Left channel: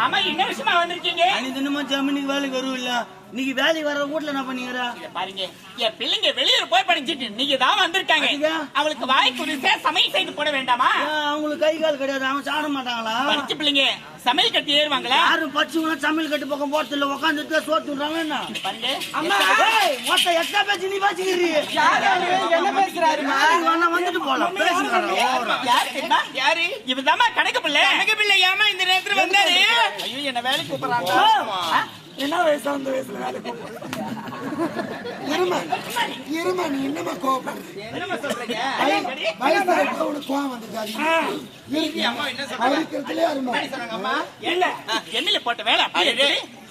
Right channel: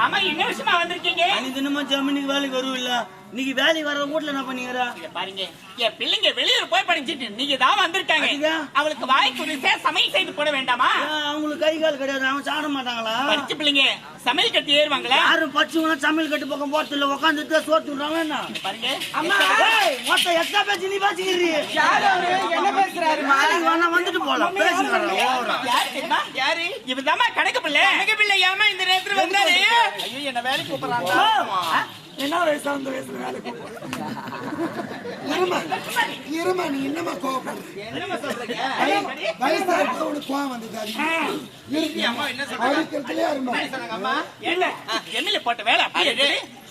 ஆமா என்ன விஷயமா வந்திருக்கீங்க? அன்னைக்கு தினமும் ஜமீனுக்கு வேலைக்கு வருவோம் இன்னைக்கு வேலைக்கு வர வீட்டுல என்ன இங்க பாருங்க. என் பிள்ளைங்க வெளியில போய் படிச்சிட்டு நீங்க தான் வந்திருக்காங்க? அவளுக்கு வாய் குடிசா சமையல் செய்து போட வேண்டாமா? அவங்களுக்கு கை கால் கிடையாது. அவங்க சாட மாட்டாங்களா? படிச்ச பிள்ளைங்க சமையல் கட்டி ஏறுவாங்களா? யாரும் படிச்சவங்க சமையல் கட்டு பக்கம் போறது இல்ல. உட்காந்துட்டு சோத்து விடுறாங்க என்ன? பாருங்க. அம்மா மொத்த எக்ஸ்ட்ரா பேசி நீ பேசிக்கிறீ? என்ன பேசுறாரு? வேலைக்கு வேணா வந்துட்டு போலாம். ஓவரா. யாரு இவதாம்மா கணக்கு பிள்ளை. கணக்கு பிள்ளை ஏமா இந்த நேரத்துல வந்தாரு? ஐயோ என்ன வேலைக்கு கூப்பிடுறாங்க என்ன வயசு அந்த வயசுல வேலைக்கு இருமா இருமா நீ என்னமா கோவப்படுற? வயசாக உனக்கு கோவம் வந்தது அது இருக்கு அடிக்கிறதுலே அருமா. இல்ல எண்ணில போட்ட வேலை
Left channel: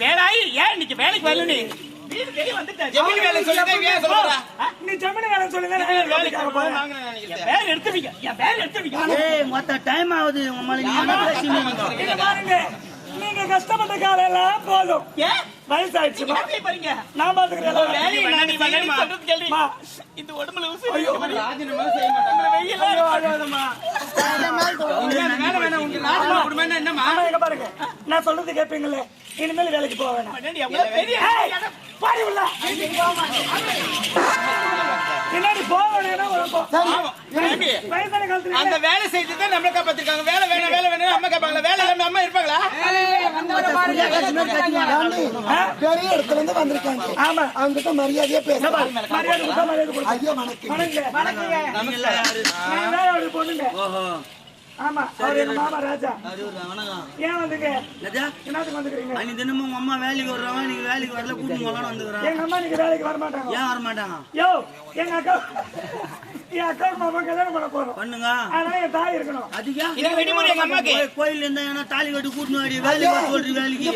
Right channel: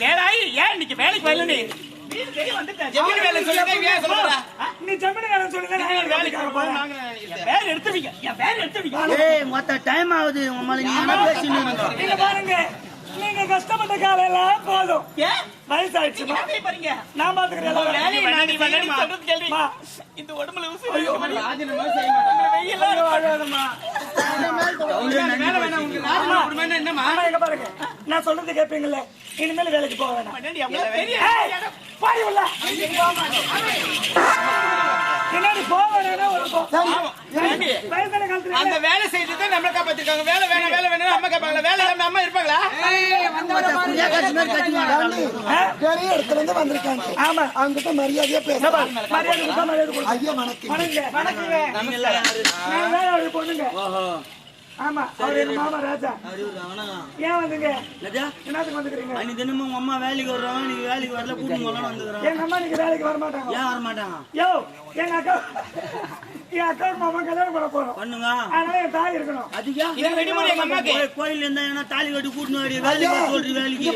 வேலாயி ஏன் இன்னைக்கு வேலைக்கு வரல நீ? நீ ஜமீன் வேலை சொல்லி என் பேர் எடுத்துவீங்க என் பேர் எடுத்துவீங்க ஏய் மொத்த டைம் ஆகுது. உங்க மேல நீ என்ன பேசினீங்க இங்க பாருங்க. நீங்க கஷ்டப்பட்ட காலையில போதும். ஏன் வயசாயிடுச்சு நான் பாத்துக்கிறேன். இந்த உடம்புல இங்க பாருங்க. நான் சொல்றது கேப்பீங்கல்ல? இனிமேல் வேலைக்கு போக பாடி உள்ள. பின்னாடி போக வேணாம்னா ஒரு போ. வயசான காலத்துல அந்த வேலை செய்து தான் நம்மள காப்பாத்திருக்காங்க. வேலை வேணாம் வேலை வேணாம் அம்மா கேட்பாங்களா? வேலை இல்லாம அம்மா இருப்பாங்களா? பெரிய இடத்துல இருந்து வந்திருக்காங்க. ஆமா. அங்கிட்ட மரியாதையா பேசலாம் மரியாதை. ஐயா வணக்கம் அவரு பொண்ணுங்க. ஓஹோ. ஆமா அவர் எங்க மாமா ராஜா. அறிவுரா வணக்கம் ஏன் வந்துங்க என்னதா என்னத்துக்கு வந்துக்கிறீங்க அன்னைக்கு தினமும் உங்க அம்மா வேலைக்கு வர்றாங்க நீங்க வேலைக்கு வரல கூட்டிட்டு போகலான்னு வந்துக்கிறான் எங்க அம்மா நீங்க வேலைக்கு வர மாட்டாங்க ஏன் வர மாட்டாங்க யோ எங்க அக்கா என் அக்காவுக்கு மாமா கல்யாணம் பண்ண போறோம். பண்ணுங்க. அதனால என் தாய் இருக்கணும். அதுக்கா? இதை விடுமுறை எங்க அம்மாக்கு. கோயில்- கோயில்ல இருந்தா என்ன தாலி கட்டி கூட்டினு வாடி வேலைக்கு வர சொல்றீ வேலைக்கு.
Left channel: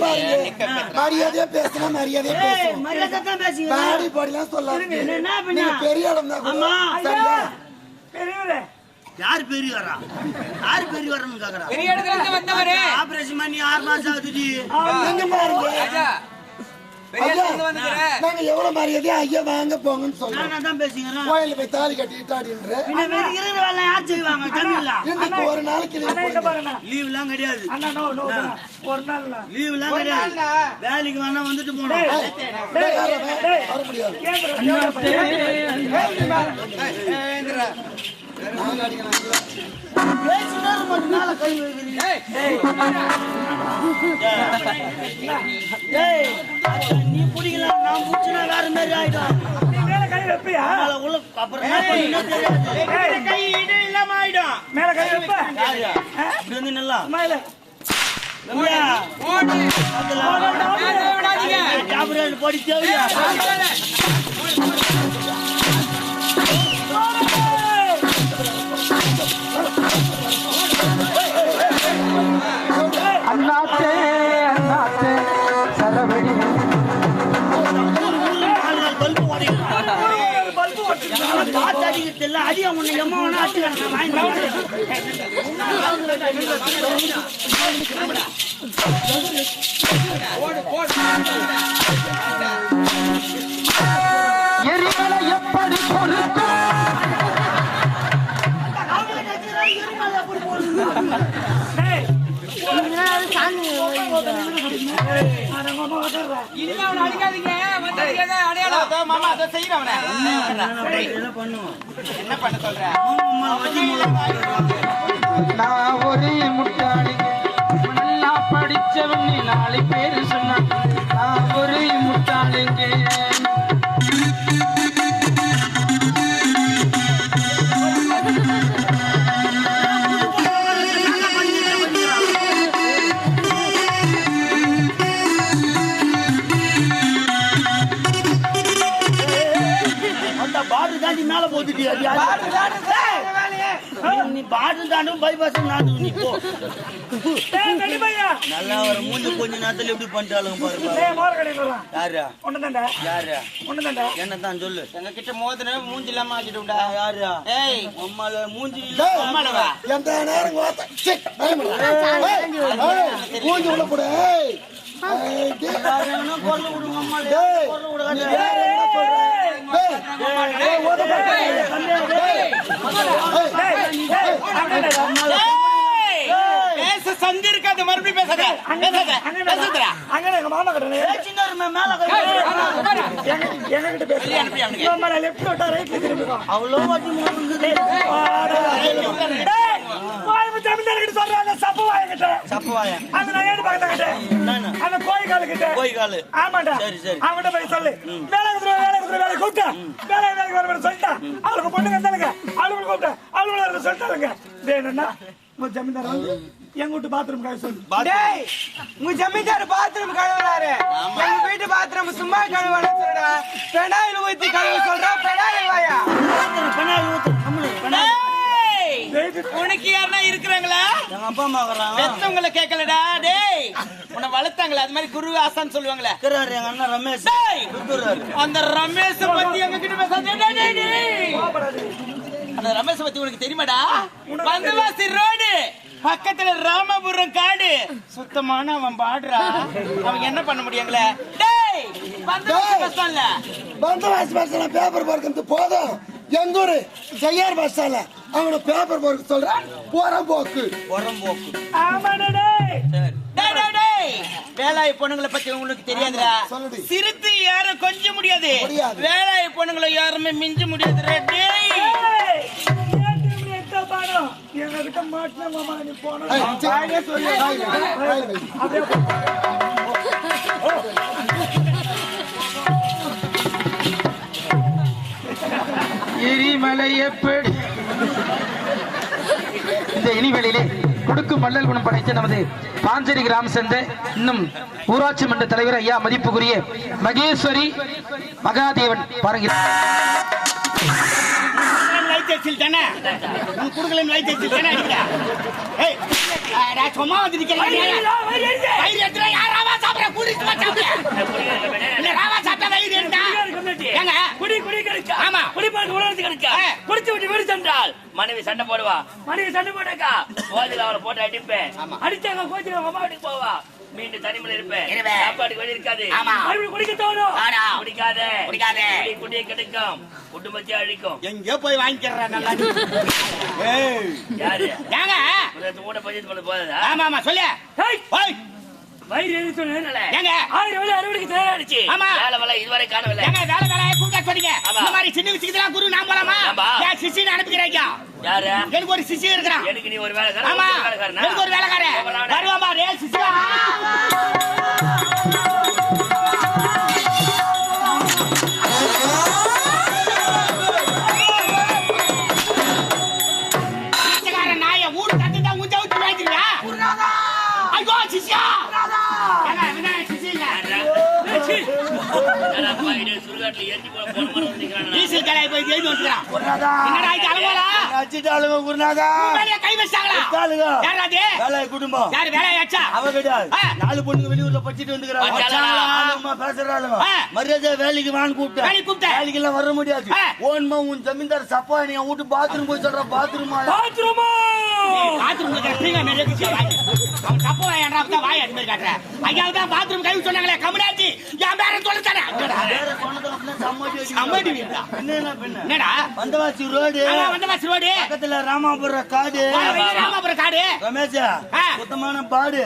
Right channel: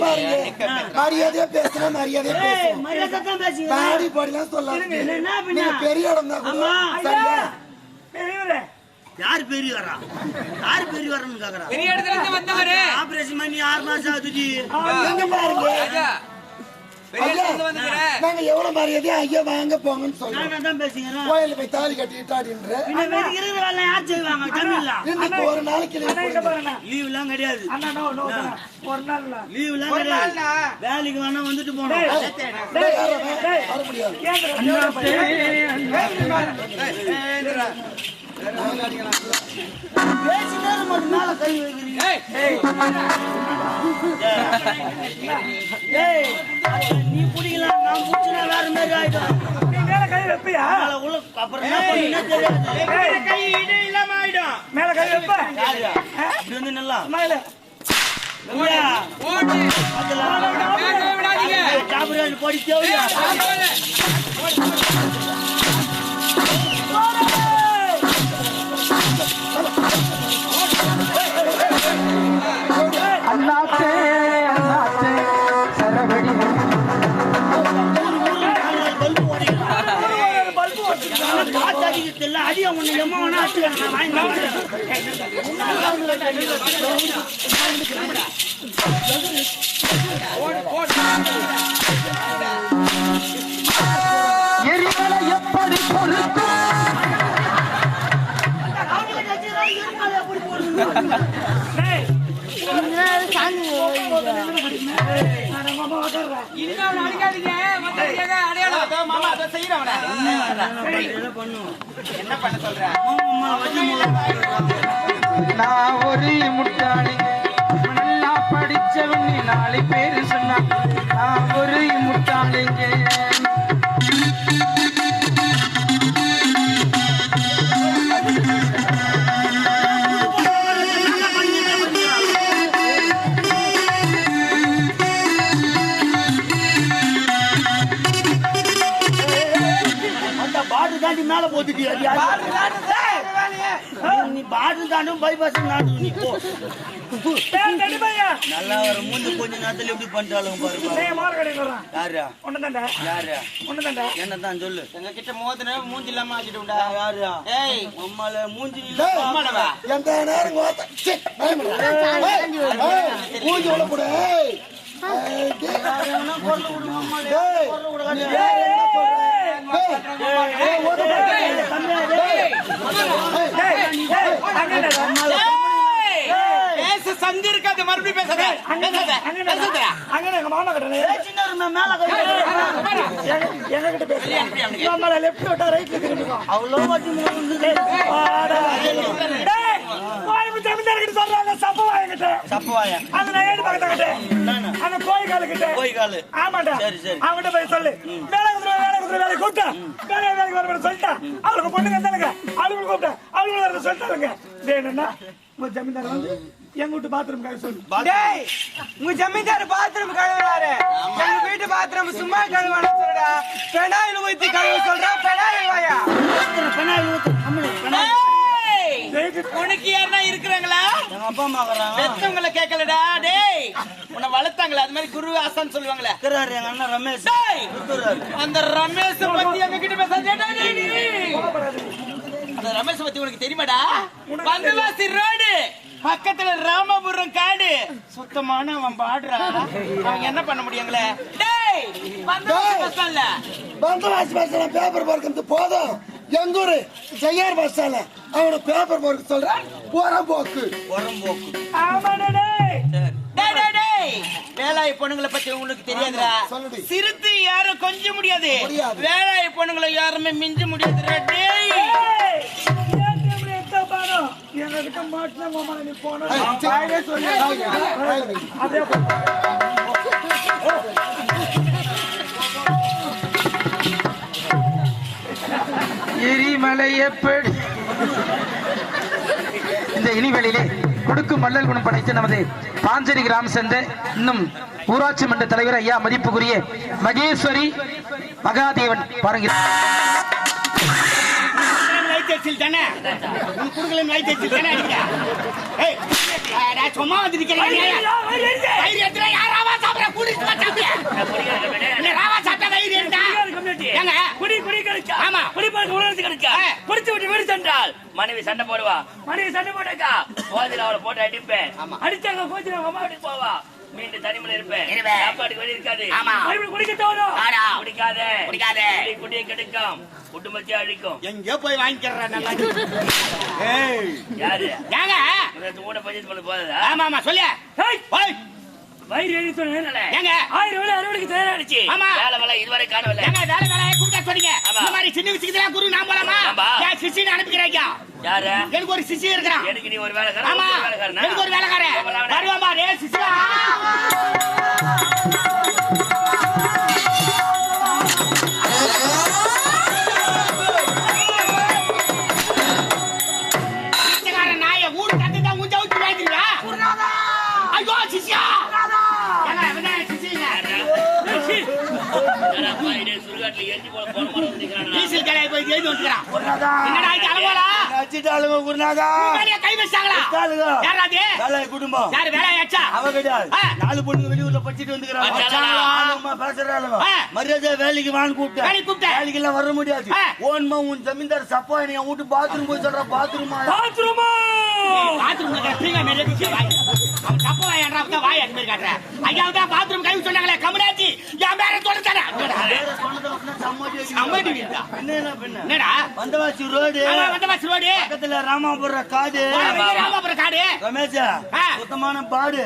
ஆ. மரியாதையா பேசலாம் மரியாதையா ஏய் பேசணும் மரியாதை தான் பேசுங்க பாடி பாடிலாம் சொல்லாதீங்க. என்ன பண்ண? நீங்க பெரிய இடம் தான் அம்மா. ஐயா பெரியவரே. யார் பெரிய வரா யார் பெரிய வரன்னு கேக்குறா பெரிய இடத்துல இருந்து வந்தவரு ஆபரேஷன் பண்ணி ஆறு மாசம் ஆகுதுடி எங்க பாருங்க ராஜா பெரிய இடத்துல இருந்து வந்துக்கிற நாங்க எவ்வளவு மரியாதையா ஐயா வாங்க போங்கன்னு சொல்றோம் நான் தான் பேசுகிறேன் கோயில போய் தாலி யார் செய்வாங்க தமிழ்ல இன்னைக்கு ஒரு நாளைக்கு லீவ் எல்லாம் கிடையாது அண்ணா நோ நோ அண்ணா. ஒரு நாள் இல்ல. லீவ் எல்லாம் கிடையாது வேலைக்கு வேணா வந்துட்டு போனோம் வர முடியாது ஏந்திரா, மேல கை வைக்கிறீங்க நீ பிடிக்கலாம் நான் பிடிச்சினா வேற மாதிரி ஆயிடும் மேல கை வைப்பியா உள்ள அப்புறம் என்ன தெரியாது கை இல்லாம ஆயிடும் மேல கை வைப்ப வந்து நல்லா மேல பாட்டு அடிக்கிறது இல்ல அடியா உன்னை எம்மா வேணா அடிச்சுக்கிறேன் நான் வாங்கி எரிமலை எப்படி பொறுக்கும்? என்ன பண்ண சொல்ற? நான் ஒரு முட்டாளிங்க நல்லா படிச்சவன் நீ பேரு சொன்னா. நான் ஒரு முட்டாளிங்க. மேல போட்டுட்டியா நீ பாட்டு தாண்டும் பைபாஸ் நாட்டு நீ போ. நல்லா வர மூஞ்சி கொஞ்ச நேரத்துல எப்படி கடையில் வர்றான் யாரா ஒண்ணு தாண்டா யாரா? ஒண்ணு தாண்டா என்ன தான் சொல்லு. உங்ககிட்ட மோதின மூஞ்சி இல்லாம ஆக்கிட்டுண்டா. ஆ, யாரா? ஏய் அம்மால மூஞ்சி எந்த நேரம் மூஞ்சி உள்ள போடு ஏய். விடுங்க விடுங்க மேல லெஃப்ட் விட்டா ரைட்ல திரும்பிக்கும் அவ்வளோ சொல்றாங்க சப்பவா என்கிட்ட அந்த நகையடி பக்கத்துக்கிட்ட அந்த கோயில் காலுக்கிட்ட போய் ஆமாண்டா சரி, சரி. அவன்கிட்ட போய் சொல்லு வேலை குதிரை வேலை கூப்பிட்டா வேலை வேலைக்கு வர சொல்லிட்டா அவளுக்கு பொண்ணுங்க இருந்தாலுங்க அவளுக்கு கூப்பிட்டா அவளுக்கு வர சொல்லிட்டாருங்க வேணும்னா உங்க ஜமீன்தார் வந்து எங்க வீட்டு பாத்ரூம் காய சொல்லு. டேய் உங்க ஜமீன்தார் பாத்ரூம் கழுவுறாரு. எங்க வீட்டு பாத்ரூம் சும்மா கழுவானு சொல்லுடா. பெனாயில் ஊத்தி கழுவ சொல்றா பெனாயில் வாயா. உனக்கு யாருன்னா இருக்கிறாங்களா? எங்க அப்பா அம்மா இருக்கிறாங்க பெத்தவங்கள கேட்கலடா டேய். வளர்த்தாங்களே அது மாதிரி குரு சொல்லுவாங்களே. இருக்கிறாரு எங்க அண்ணன் ரமேஷ். அந்த ரமேஷ் பத்தி எங்க கிட்ட பேசாதே டேய், டேய், டேய். அந்த ரமேஷ் பத்தி உனக்கு தெரியுமாடா? வந்தவாசி ரோடு பக்கத்துல ராமபுரம் காடு. சுத்தமான அவன் பாடுறா. அவன் என்ன பண்ண முடியுங்களே? டேய் வந்தவாசி பஸ்ல பேப்பர் பார்க்கறது போதும். எங்க ஊரு? செய்யார் பஸ்ல அவன பேப்பர் பார்க்க சொல்றான். போறான் போக்கு ஆமாடா. வேலாய் பொண்ணுங்களை பத்தி உங்களுக்கு தெரியாதுடா சொல்லுடி. சிறுத்து யாரும் கொஞ்ச முடியாது. வேலாய் பொண்ணுங்களை யாருமே மிஞ்ச முடியாதுடா டேய் ஏய், ஏன் இப்படி எடுத்தா பாரு? எங்க கிட்ட மாட்டினா மாமா நீ போன. எரிமலை எப்படி இந்த இனிவெளியிலே கொடுக்கும் மல்லல் குணம் படைத்த நமது பாஞ்சேரி கிராம சேர்ந்த இன்னும் ஊராட்சி மன்ற தலைவர் ஐயா மதிப்புக்குரிய மகேஸ்வரி மகாதேவன் பாருங்க லைட் வச்சிருக்கானே குடி குடி கிடைச்சா ஆமா. குடி பார்க்க உணர்ந்து கிடைச்சா விட்டு வீடு சென்றால் மனைவி சண்டை போடுவா. மனைவி சண்டை போட்டாக்கா. போதில் அவளை போட்டு அடிப்பேன். அடிச்சாங்க கோச்சில அம்மா வீட்டுக்கு போவா. மீண்டும் தனிமையில இருப்பேன். சாப்பாடு வழி இருக்காது. ஆமா. மறுபடியும் குடிக்க தோணும். குடிக்காத. குடிக்காத. குடி குடியை கிடைக்கும். குடும்பத்தை அழிக்கும். எங்க போய் வாங்கிக்கிறேன் நல்லா. ஏய். யாரு? ஏங்க முதல்ல கூட பஞ்சத்து பண்ண போதா ஆமா ஆமா சொல்லு. ஏய், ஓய். வயிறு ஏங்க? ஆயிரம் வேலை அறுவடைக்கு தயாராச்சு ஆமா. வேலை வேலை இதுவரை காணவில்லை. வேலை வேலையை கூப்பிட்டா சொன்னீங்க. இந்த மாதிரி சின்ன விஷயத்துலாம் குரு நான் போலாமா? சிஷியனை அனுப்பிக்கிறீங்க? யாரு? எனக்கு ஒரு சிஷியன் இருக்கிறான். எனக்கு நீ ஒரு வேலைக்காரன் ஆமா. ஒரு எனக்கு ஒரு வேலைக்காரன். வருவாமா டே சிஷியா போய் வந்துக்கிறான்? வச்சுட்டாளுங்க குருநாதா. கை வச்சாங்களா. யாரா? வேலை அவ கிடையாது. நாலு பொண்ணுங்க வெளியூர்ல படிச்சுட்டு வந்துக்கிறாங்க. பேசுறாளுங்க. மரியாதை வேலைக்கு வான்னு கூப்பிட்டேன். கூப்பிட்டேன். வேலைக்கு எல்லாம் வர முடியாது. ஓன்மா உன் ஜமீன்தார் சப்பா நீ வீட்டு பாத்ரூம் போய் சொல்ற. பாத்ரூம் பாத்ரூமா பாத்ரூம் அவன் தப்ப வாயாண்டா தான் வாய் அது மாதிரி காட்டுற ஐயா தான் பாத்ரூம் கை சொன்னாங்களே கம்முனாச்சு என் பேர சொல்லுத்தானே அம்மாடி வீடா? என்ன பெண்ணு என்னடா? வந்தவாசி ரோடு. வந்தவாசி ரோடு. பக்கத்துல ராமாபுரம் காடு. ராமாபுரம் காடு. ரமேஷா. சுத்தமான பாடு.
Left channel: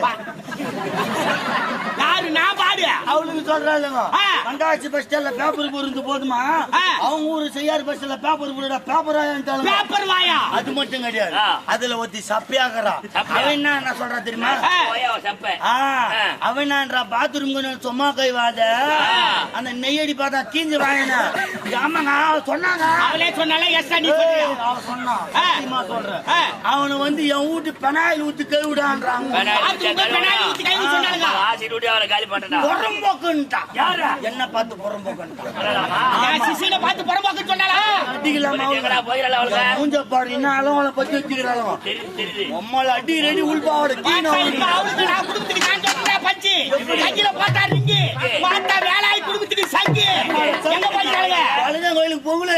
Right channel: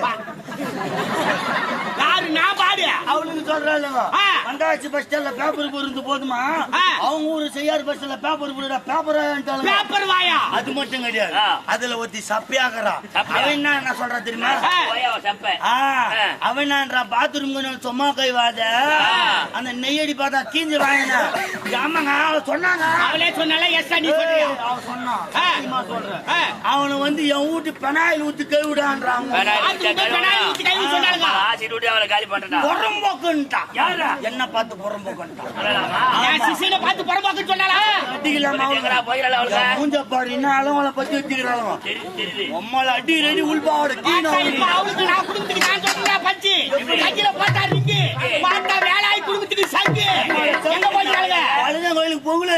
யாரு நான் பாடு. அவளுக்கு சொல்றாளுங்க. ஆ. வந்தவாசி பஸ் ஸ்டாண்ட்ல பேப்பர் போறது போதுமா. அவங்க ஊரு செய்யார் பஸ்ல பேப்பர் போடுற பேப்பர் பேப்பர் வாயா? அது மட்டும் கிடையாது. அதுல ஒருத்தி சப்பியாக்குறா சப்பியா? அவன் என்ன என்ன சொல்றா தெரியுமா? அவன். அவன் என்னன்றா பாத்ரூம் சும்மா கை வாத. ஆ. அந்த நெய்யடி பார்த்தா கீஞ்சு வாங்கினா ஆமாங்க அவ சொன்னாங்க. அவளே சொன்னால எஸ் சொல்றியா? அவன் சொன்னான் சொல்றேன். அவனை வந்து என் வீட்டு பெனாயில் ஊத்தி கை விடான்றாங்க. காலி யாரு? என்ன பார்த்து பார்த்து புறம்போக்குன்னு அடிக்கலாமா? மூஞ்ச பாரு பத்தி தெரியுது, தெரியுது. உம்மால அடி ரெடி உள்பாவோட அவளுக்கு நான் நான் கையில போட்டா வேலாய் சங்கு. எங்க பழனி கோயிலுக்கு போய்